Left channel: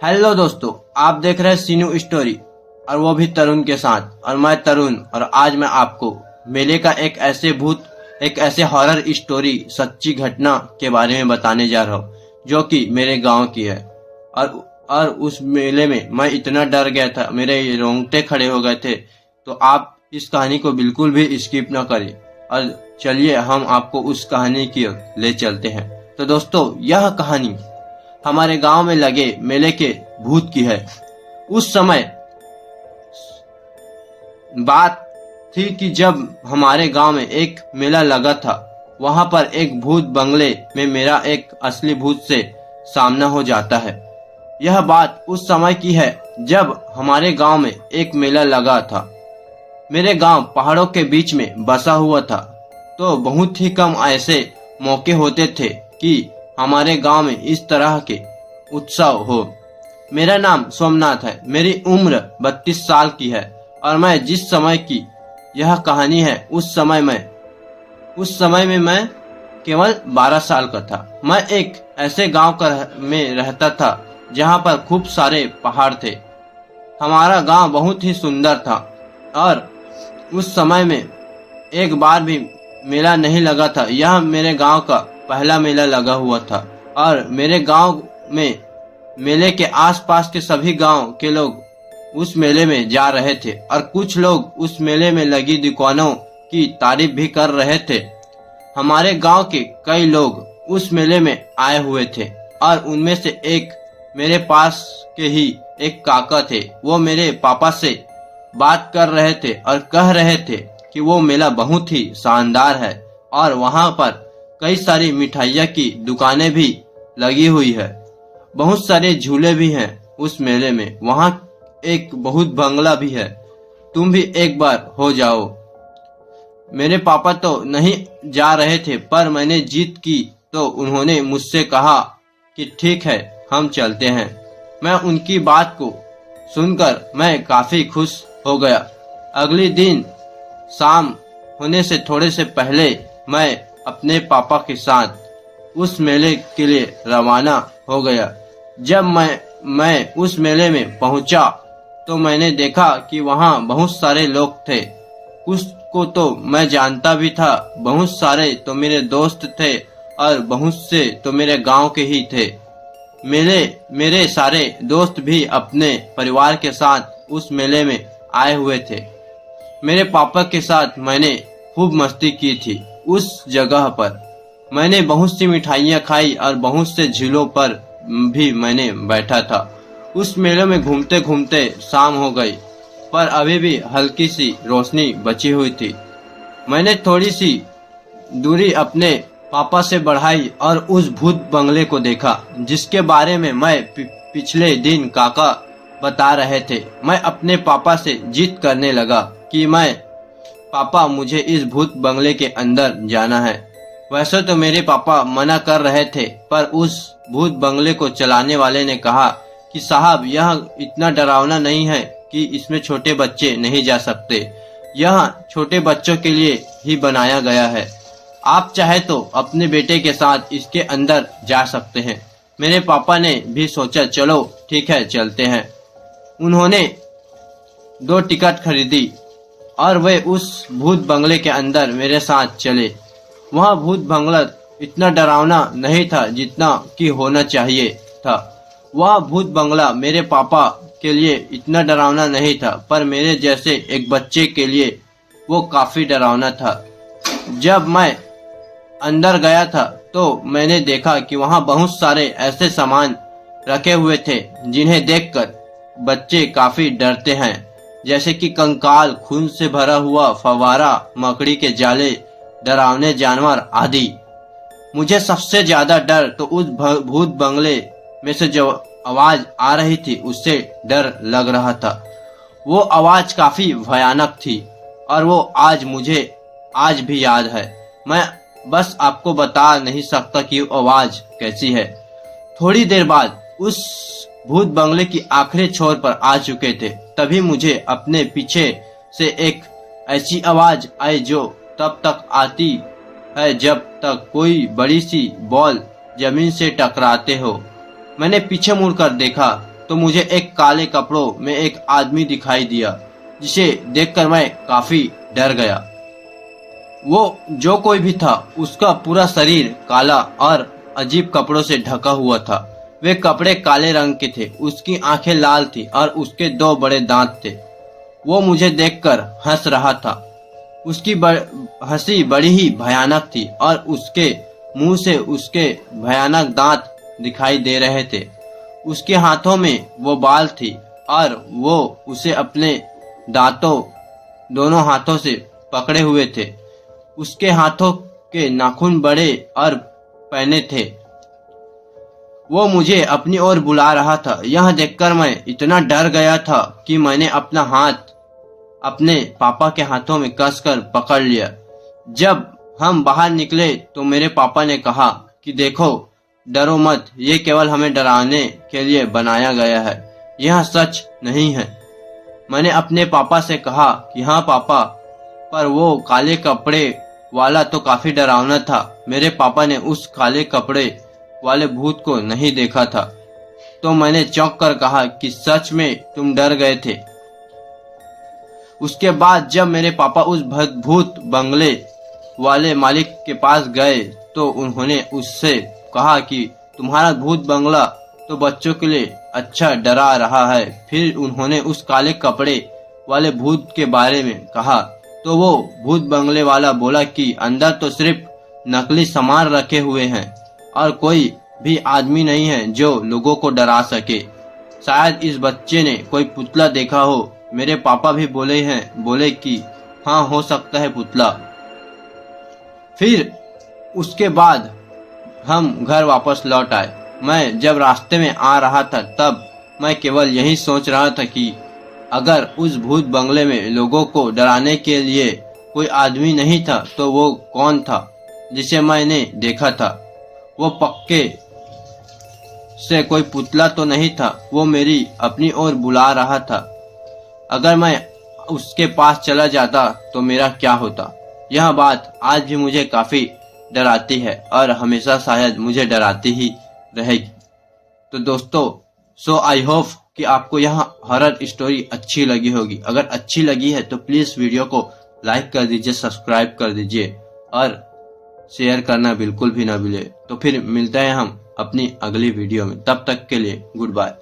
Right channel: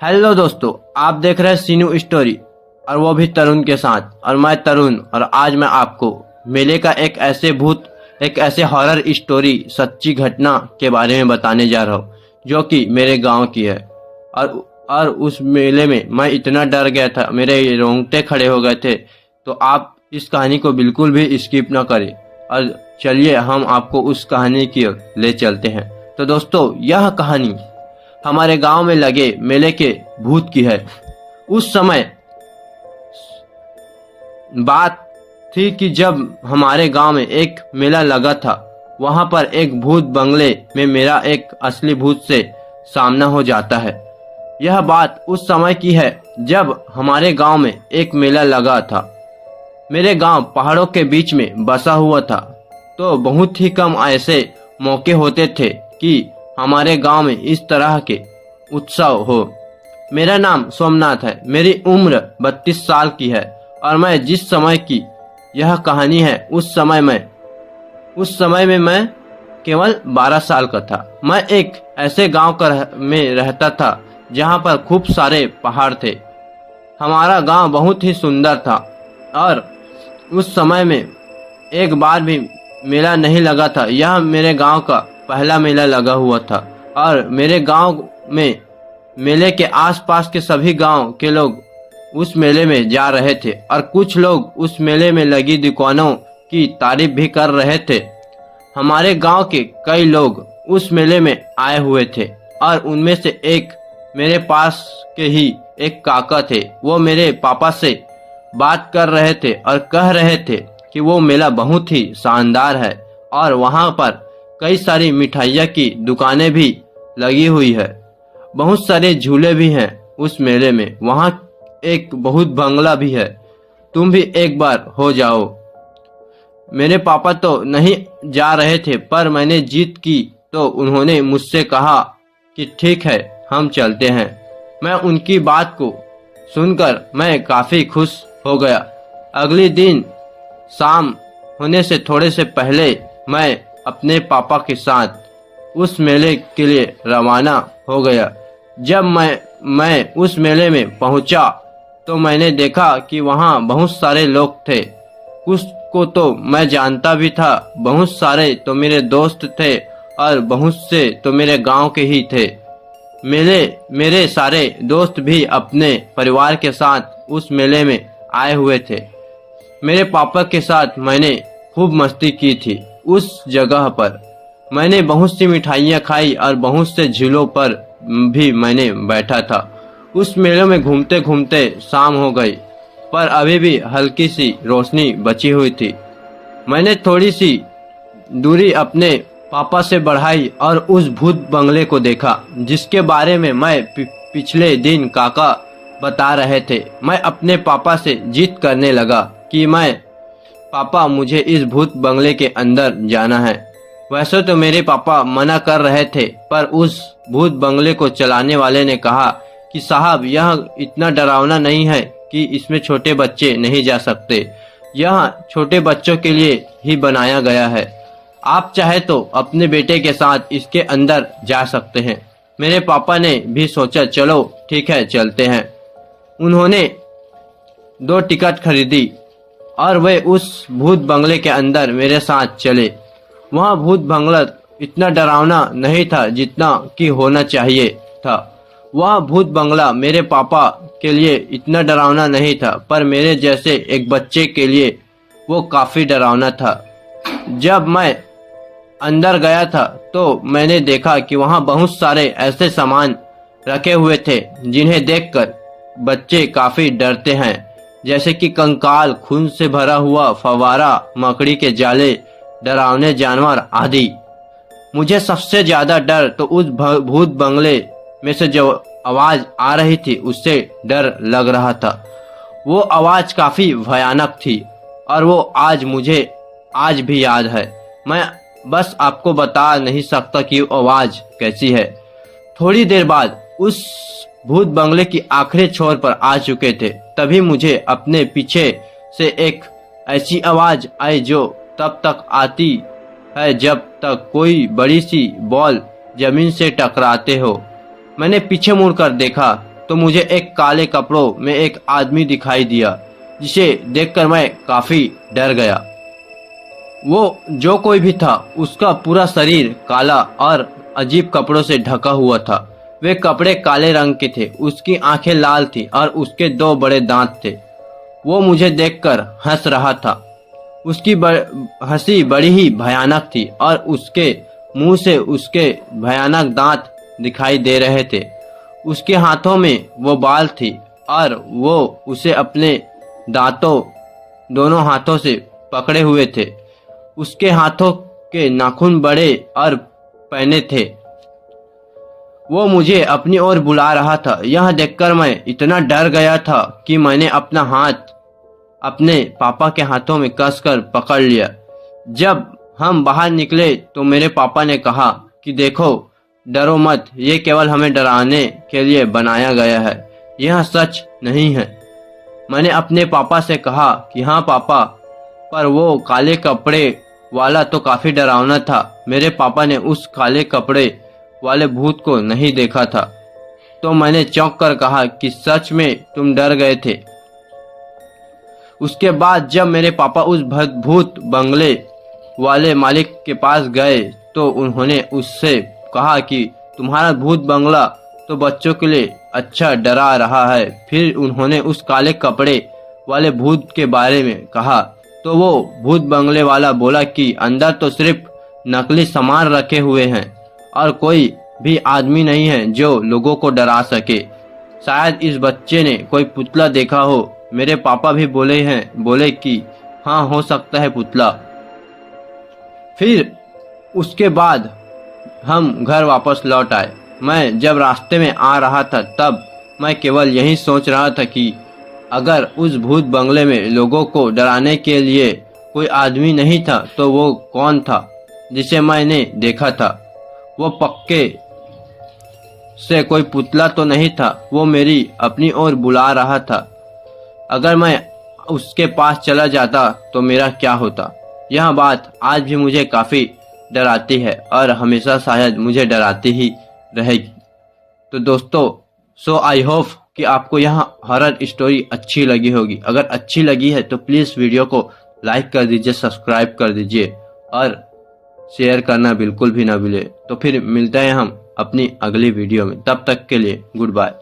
Hello दोस्तों, आप देख रहे हैं सीनू स्टोरी और वो भी तरुण के साथ। और मैं तरुण, और आज मैं आपको मेले का एक ऐसे हॉरर स्टोरी सच्ची घटना के बारे में बताने जा रहा हूँ जो कि मेरे गांव की है। और उस मेले में मैं इतना डर गया था, मेरे रोंगटे खड़े हो गए थे। तो आप इस कहानी को बिल्कुल भी स्किप ना करें और चलिए हम आपको उस कहानी की ओर ले चलते हैं। तो दोस्तों, यह कहानी हमारे गांव में लगे मेले के भूत की है। उस समय बात थी कि जब हमारे गांव में एक मेला लगा था, वहां पर एक भूत बंगले में मेरा एक असली भूत से सामना हो जाता है। यह बात उस समय की है जब हमारे गांव में एक मेला लगा था। मेरे गांव पहाड़ों के बीच में बसा हुआ था, तो बहुत ही कम ऐसे मौके होते थे कि हमारे गांव में इस तरह के उत्सव हो। मेरा नाम सोमनाथ है, मेरी उम्र 32 साल की है और मैं जिस समय की यह कहानी है उस समय में मैं केवल 12 साल का था। मैं एक ऐसे गांव में रहता था जहां पर खूब सारे पहाड़ थे। हमारा गांव बहुत ही सुंदर था और उस समय में एक बार भी मेला नहीं लगा था। यह मेरे गांव का पहला मेला लगा हुआ था और मेरे गांव में मेले के आसपास के सभी गांव के लोग उस मेले में जा रहे थे और कुछ लोग उस मेले में लगी दुकानों की तारीफ भी कर रहे थे। हमारे गांव के कई लोग उस मेले में आए हुए थे और उनमें से एक मेरे पास के ही एक काका थे। वो मेरे पापा से बात कर रहे थे और कह रहे थे कि वो मेला बहुत ही शानदार है और वहां पर कई सारी मिठाइयाँ की दुकानें भी लगी हुई है। बहुत सारे झूले भी हैं उस मेले में। वहां एक बहुत बंगला भी है। तुम भी एक बार हो जाओ। मेरे पापा तो नहीं जा रहे थे, पर मैंने जिद की तो उन्होंने मुझसे कहा कि ठीक है, हम चलते हैं। मैं उनकी बात को सुनकर मैं काफी खुश हो गया। अगले दिन शाम होने से थोड़े से पहले मैं अपने पापा के साथ उस मेले के लिए रवाना हो गया। जब मैं उस मेले में पहुंचा तो मैंने देखा कि वहां बहुत सारे लोग थे। कुछ को तो मैं जानता भी था, बहुत सारे तो मेरे दोस्त थे और बहुत से तो मेरे गांव के ही थे। मेरे सारे दोस्त भी अपने परिवार के साथ उस मेले में आए हुए थे। मेरे पापा के साथ मैंने खूब मस्ती की थी। उस जगह पर मैंने बहुत सी मिठाइयाँ खाई और बहुत से झूलों पर भी मैंने बैठा था। उस मेले में घूमते घूमते शाम हो गई, पर अभी भी हल्की सी रोशनी बची हुई थी। मैंने थोड़ी सी दूरी अपने पापा से बढ़ाई और उस भूत बंगले को देखा जिसके बारे में मैं पिछले दिन काका बता रहे थे। मैं अपने पापा से जिद करने लगा कि पापा, मुझे इस भूत बंगले के अंदर जाना है। वैसे तो मेरे पापा मना कर रहे थे, पर उस भूत बंगले को चलाने वाले ने कहा कि साहब, यह इतना डरावना नहीं है कि इसमें छोटे बच्चे नहीं जा सकते। यह छोटे बच्चों के लिए ही बनाया गया है। आप चाहे तो अपने बेटे के साथ इसके अंदर जा सकते हैं। मेरे पापा ने भी सोचा, चलो ठीक है, चलते हैं। उन्होंने 2 टिकट खरीदी और वे उस भूत बंगले के अंदर मेरे साथ चले। वह भूत बंगला इतना डरावना नहीं था जितना कि होना चाहिए था। वह भूत बंगला मेरे पापा के लिए इतना डरावना नहीं था, पर मेरे जैसे एक बच्चे के लिए वो काफी डरावना था। जब मैं अंदर गया था तो मैंने देखा कि वहाँ बहुत सारे ऐसे सामान रखे हुए थे जिन्हें देखकर बच्चे काफी डरते हैं, जैसे कि कंकाल, खून से भरा हुआ फव्वारा, मकड़ी के जाले, डरावने जानवर आदि। मुझे सबसे ज्यादा डर तो उस भूत बंगले में से जो आवाज आ रही थी उससे डर लग रहा था। वो आवाज काफी भयानक थी और वो मुझे आज भी याद है। मैं बस आपको बता नहीं सकता कि वो आवाज कैसी है। थोड़ी देर बाद उस भूत बंगले की आखिरी छोर पर आ चुके थे, तभी मुझे अपने पीछे से एक ऐसी आवाज आई जो तब तक आती है जब तक कोई बड़ी सी बॉल जमीन से टकराते हो। मैंने पीछे मुड़कर देखा तो मुझे एक काले कपड़ों में एक आदमी दिखाई दिया, जिसे देखकर मैं काफी डर गया। वो जो कोई भी था, उसका पूरा शरीर काला और अजीब कपड़ों से ढका हुआ था। वे कपड़े काले रंग के थे, उसकी आंखें लाल थी और उसके 2 बड़े दांत थे। वो मुझे देखकर हंस रहा था। उसकी हंसी बड़ी ही भयानक थी और उसके मुंह से उसके भयानक दांत दिखाई दे रहे थे। उसके हाथों में वो बाल थी और वो उसे अपने दांतों दोनों हाथों से पकड़े हुए थे। उसके हाथों के नाखून बड़े और पैने थे। वो मुझे अपनी ओर बुला रहा था। यह देखकर मैं इतना डर गया था कि मैंने अपना हाथ अपने पापा के हाथों में कसकर पकड़ लिया। जब हम बाहर निकले तो मेरे पापा ने कहा कि देखो, डरो मत, ये केवल हमें डराने के लिए बनाया गया है, यह सच नहीं है। मैंने अपने पापा से कहा कि हाँ पापा, पर वो काले कपड़े वाला तो काफी डरावना था। मेरे पापा ने उस काले कपड़े वाले भूत को नहीं देखा था। तो मैंने चौंक कर कहा कि सच में तुम डर गए थे। उसके बाद जब मेरे पापा उस भूत बंगले वाले मालिक के पास गए तो उन्होंने उससे कहा कि तुम्हारा भूत बंगला तो बच्चों के लिए अच्छा डरा रहा है। फिर उन्होंने उस काले कपड़े वाले भूत के बारे में कहा तो वो भूत बंगले वाला बोला कि अंदर तो सिर्फ नकली सामान रखे हुए हैं और कोई भी आदमी नहीं है जो लोगों को डरा सके। शायद इस बच्चे ने कोई पुतला देखा हो। मेरे पापा भी बोले कि हाँ, हो सकता है पुतला। फिर उसके बाद हम घर वापस लौट आए। मैं जब रास्ते में आ रहा था तब मैं केवल यही सोच रहा था कि अगर उस भूत बंगले में लोगों को डराने के लिए कोई आदमी नहीं था तो वो कौन था जिसे मैंने देखा था। वो पक्के से कोई पुतला तो नहीं था। वो मेरी अपनी ओर बुला रहा था। अगर मैं उसके पास चला जाता तो मेरा क्या होता। यह बात आज भी मुझे काफी डराती है और हमेशा शायद मुझे डराती ही रहेगी। तो दोस्तों, सो आई होप कि आपको यह हॉरर स्टोरी अच्छी लगी होगी। अगर अच्छी लगी है तो प्लीज वीडियो को लाइक कर दीजिए, सब्सक्राइब कर दीजिए और शेयर करना बिल्कुल भी ना भूले। तो फिर मिलते हैं हम अपनी अगली वीडियो में। तब तक के लिए गुड बाय।